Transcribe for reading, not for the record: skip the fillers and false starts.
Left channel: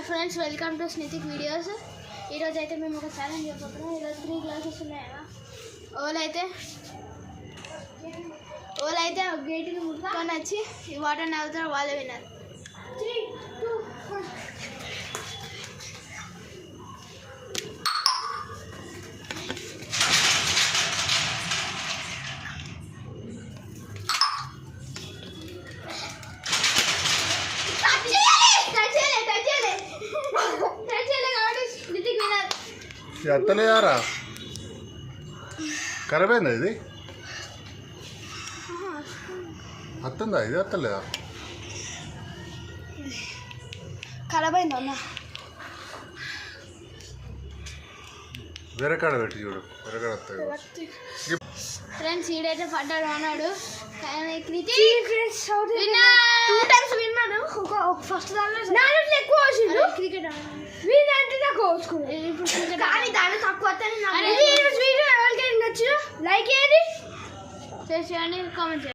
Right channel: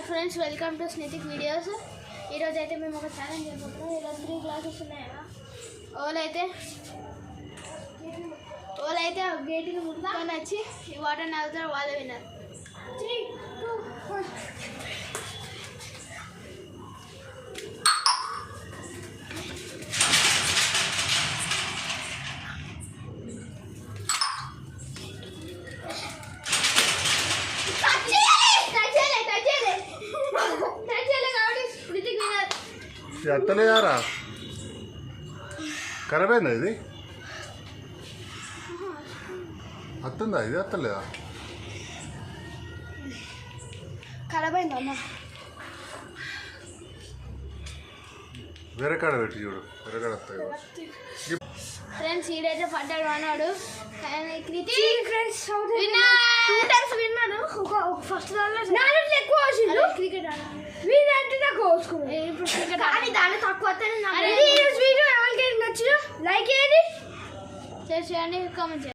Hi friends, welcome to Snithik videos. ఈరోజు అయితే మేము ఒక ఛాలెంజ్ చేయబోతున్నాం. ఈరోజు 3 గ్లాసెస్ ఉన్నాయా. ఓలైతే గేట్కి ముట్టుకొని వచ్చి ఈ వాటర్ని అవుతారు, వాళ్ళే విన్నారు. 3, 2, 1. ఎత్తలేదారా? ఖరాబ్ అయిందా ఇది? అత్తుందా ఇది? ఎత్తలేదా? ఖరాబ్ అయిందా అన్న? వేరే కాడ పెట్టి చూడు, వేరే కాడ వస్తాయి. ఫ్రెండ్స్ ఈడైతే పడ్డాడు అన్నాడు. ఫస్ట్ క్రికెట్ తక్కువ లైక్ చేయండి, షేర్ చేయండి, కామెంట్ చేయండి.